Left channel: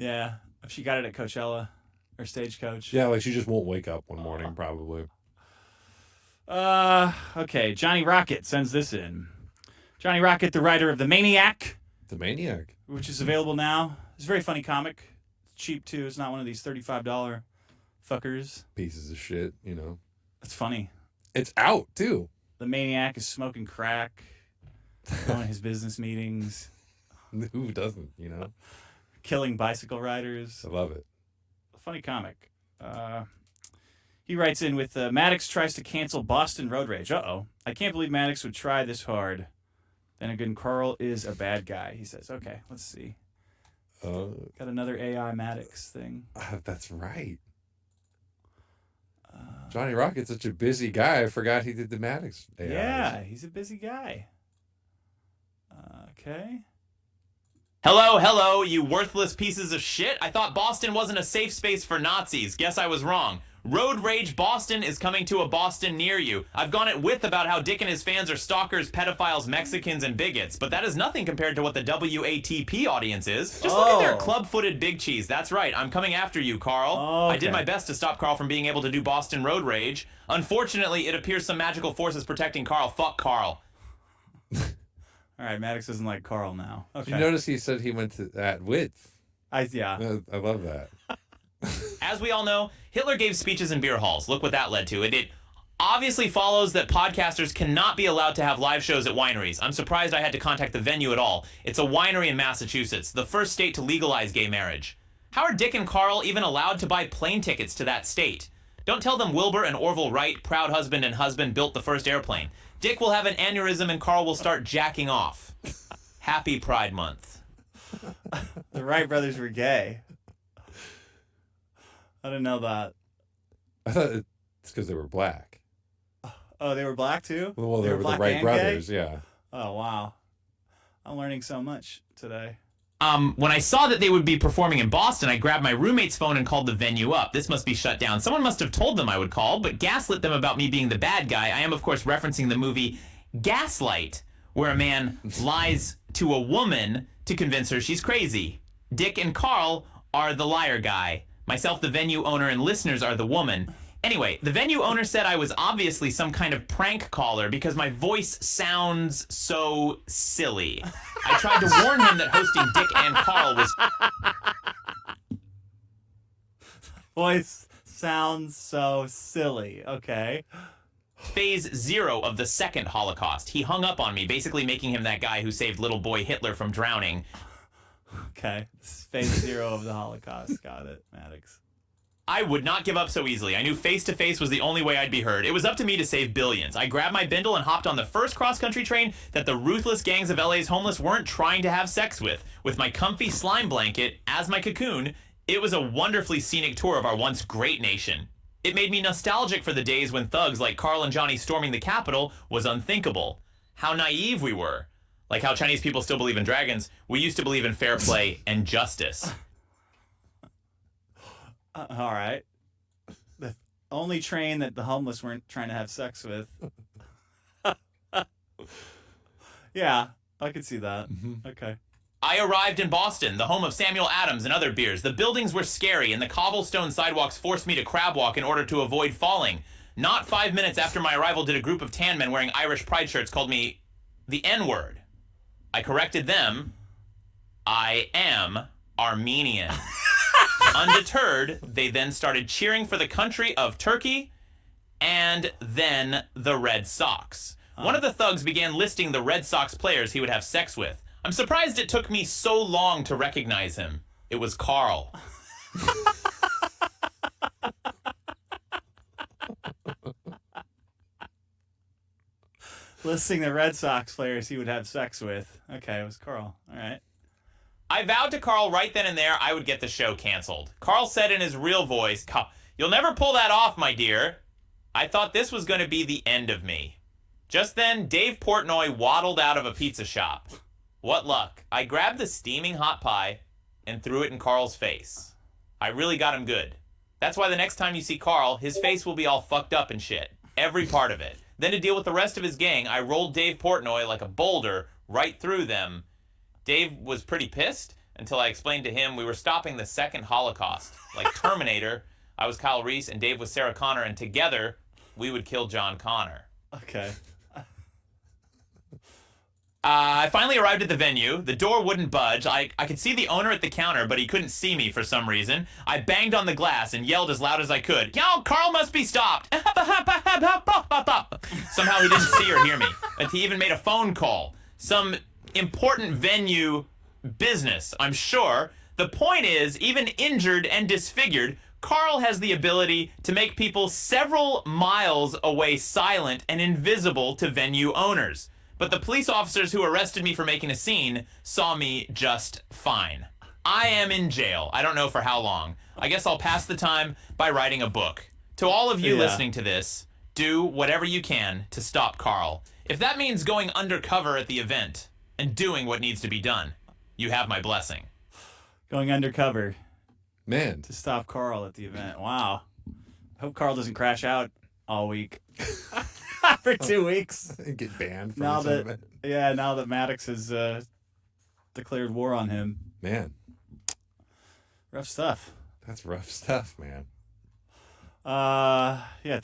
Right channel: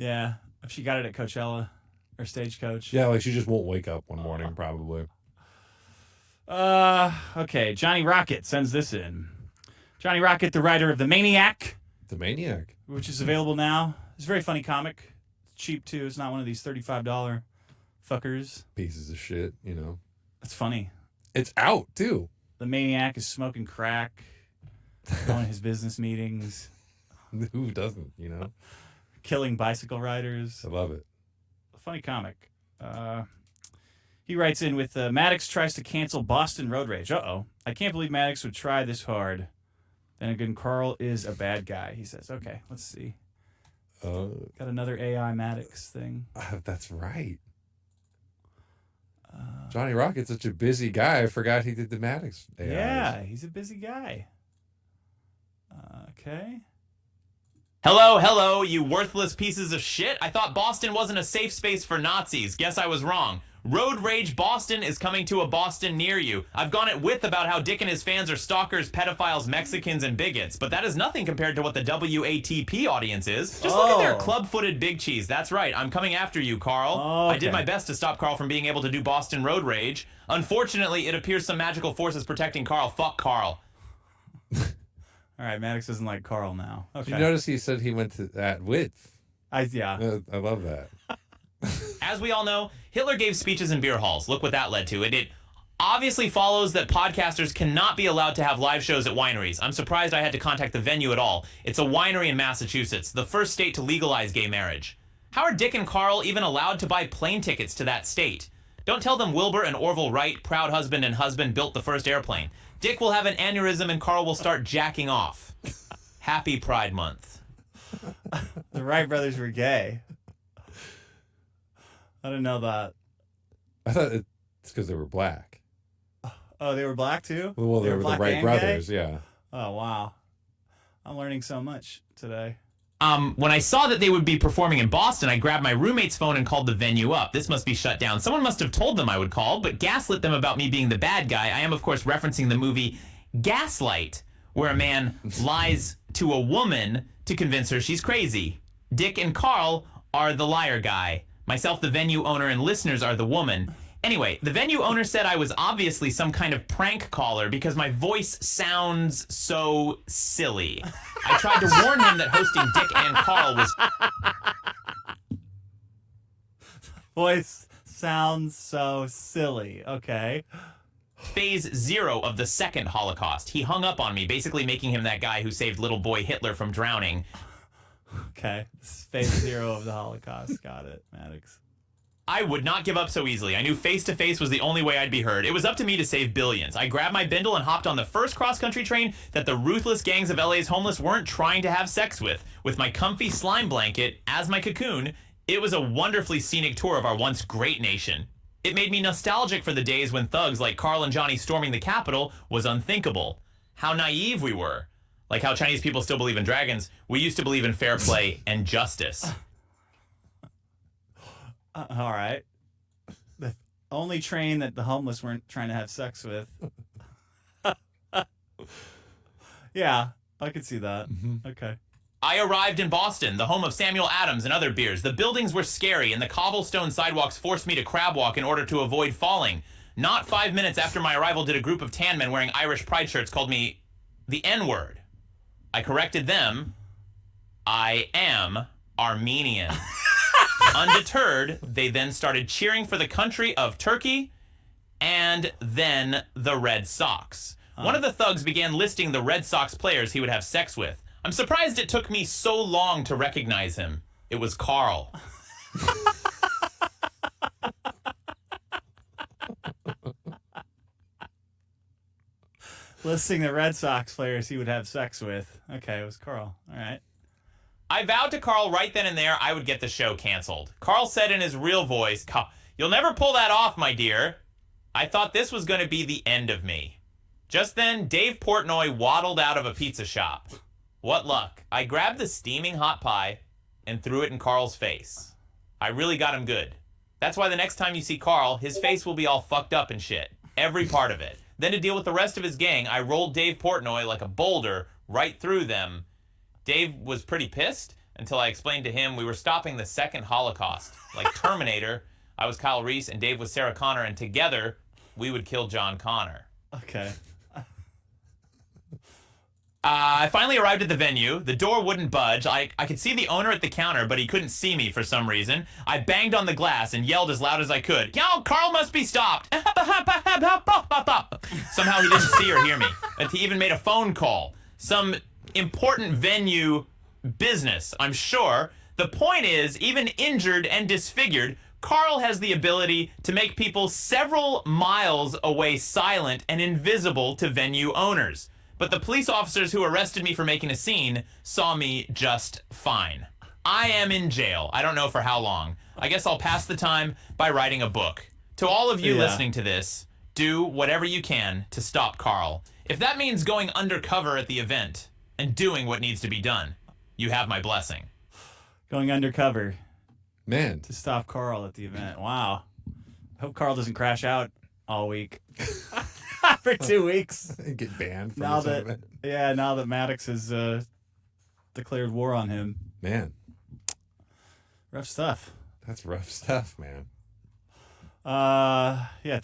Yeah. She got it at Coachella or Stagecoach. Yeah, like she just won't wake up one morning, probably. Okay. Johnny Rocket sends this in. Johnny Rocket, the writer of The Maniac. The Maniac. Which is available now. It's a very funny comic. It's cheap, too. It's not one of these $35 fuckers. Pieces of shit, you know. It's funny. It's out, too. The Maniac is smoking crack, going to his business meetings. Who doesn't, you know? Killing bicycle riders. I love it. A funny comic. He writes in with, Maddox tries to cancel Boston Road Rage. Uh-oh. I can't believe Maddox would try this hard. Then again, Carl is a bad guy, he says. Okay, let's see. Got another AI Maddox thing. That's right. Johnny Rocket's such a busy guy. I forgot he did the Maddox AI. Yeah, he's a busy guy. Okay. Hello, you worthless pieces of shit. I thought Boston wasn't a safe space for Nazis. Guess I was wrong. Road Rage Boston is coming to a Boston near you. I've gone at width about how Dick and his fans are stalkers, pedophiles, Mexicans, and bigots, but that is nothing compared to what the WATP audience is. Just look at their club-footed big cheese. That's right, I'm coming after you, Carl. Okay. I did my best to stop Carl from being able to do Boston Road Rage. Unfortunately, it appears some magical force is protecting Carl. Fuck Carl. All right, Maddox doesn't like Carl now. Okay. Did you notice he said he went to at width? Yeah. I love that. As we all know, Hitler gave speeches in beer halls. Look what that led to. It obviously follows that podcasters cannot be allowed to have live shows at wineries. I'm surprised I had to contact the venue at all. It's a winery in Massachusetts, the first state to legalize gay marriage. How are Dick and Carl even allowed to buy plane tickets to that state? Don't tell them Wilbur and Orville Wright, proud husband and husband, built the first airplane. Dick will have an aneurysm and Carl will start jacking off. Happy Pride Month. The Wright brothers were gay. I didn't know that. I thought it's because they were black. Oh, they were black too? Well, they were the Wright brothers, gay? yeah. Oh, wow. I'm learning so much today. When I saw that they would be performing in Boston, I grabbed my roommate's phone and called the venue up. This must be shut down. Someone must have told them I would call, but gaslit them about me being the bad guy. I am, of course, referencing the movie Gaslight, where a man lies to a woman to convince her she's crazy. Dick and Carl are the liar guy. Myself, the venue owner, and listeners are the woman. Anyway, the venue owner said I was obviously some kind of prank caller because my voice sounds so silly. I tried to warn him that hosting Dick and Carl was... Voice sounds so silly. Okay. Phase 0 of the second Holocaust. He hung up on me, basically making him that guy who saved little boy Hitler from drowning. Okay. This is phase 0 of the Holocaust. Got it, Maddox. I would not give up so easily. I knew face-to-face was the only way I'd be heard. It was up to me to save billions. I grabbed my bindle and hopped on the first cross-country train that the ruthless gangs of LA's homeless weren't trying to have sex with. With my comfy slime blanket as my cocoon, it was a wonderfully scenic tour of our once great nation. It made me nostalgic for the days when thugs like Carl and Johnny storming the Capitol was unthinkable. How naive we were. Like how Chinese people still believe in dragons, we used to believe in fair play and justice. All right. The only train that the homeless weren't trying to have sex with. Yeah, I could see that. Mm-hmm. Okay. I arrived in Boston, the home of Samuel Adams and other beers. The buildings were scary, and the cobblestone sidewalks forced me to crab walk in order to avoid falling. Not 5 minutes after my arrival did a group of tan men wearing Irish pride shirts called me the N-word. I corrected them. I am Armenian. Undeterred, they then started cheering for the country of Turkey and then the Red Sox. One of the thugs began listing the Red Sox players he would have sex with. I'm surprised it took me so long to recognize him. It was Carl. Listing the Red Sox players he would have sex with. Okay, it was Carl. All right. I vowed to Carl right then and there I would get the show canceled. Carl said in his real voice, "You'll never pull that off, my dear." I thought this was going to be the end of me. Just then, Dave Portnoy waddled out of a pizza shop. What luck. I grabbed the steaming hot pie and threw it in Carl's face. I really got him good. That's why the next time you see Carl, his face will be all fucked up and shit. Every part of it. Then to deal with the rest of his gang, I rolled Dave Portnoy like a boulder right through them. Dave was pretty pissed, until I explained to him we were stopping the second Holocaust. Like Terminator, I was Kyle Reese and Dave was Sarah Connor, and together we would kill John Connor. Okay. I finally arrived at the venue. The door wouldn't budge. I could see the owner at the counter, but he couldn't see me for some reason. I banged on the glass and yelled as loud as I could, "Yo, Carl must be stopped!" Somehow he didn't see or hear me. And he even made a phone call. Some important venue business, I'm sure. The point is, even injured and disfigured, Carl has the ability to make people several miles away silent and invisible to venue owners. But the police officers who arrested me for making a scene saw me just fine. I am in jail. I don't know for how long. I guess I'll pass the time by writing a book. To all of you listening to this, do whatever you can to stop Carl. If that means going undercover at the event and doing what needs to be done, you have my blessing. Going undercover Man, to stop Carl at the event. Wow. I hope Carl doesn't crash out all week. For 2 weeks. get banned from Now this that event. now that Maddox has declared war on him. Man, Rough stuff. that's rough stuff, man. Yeah.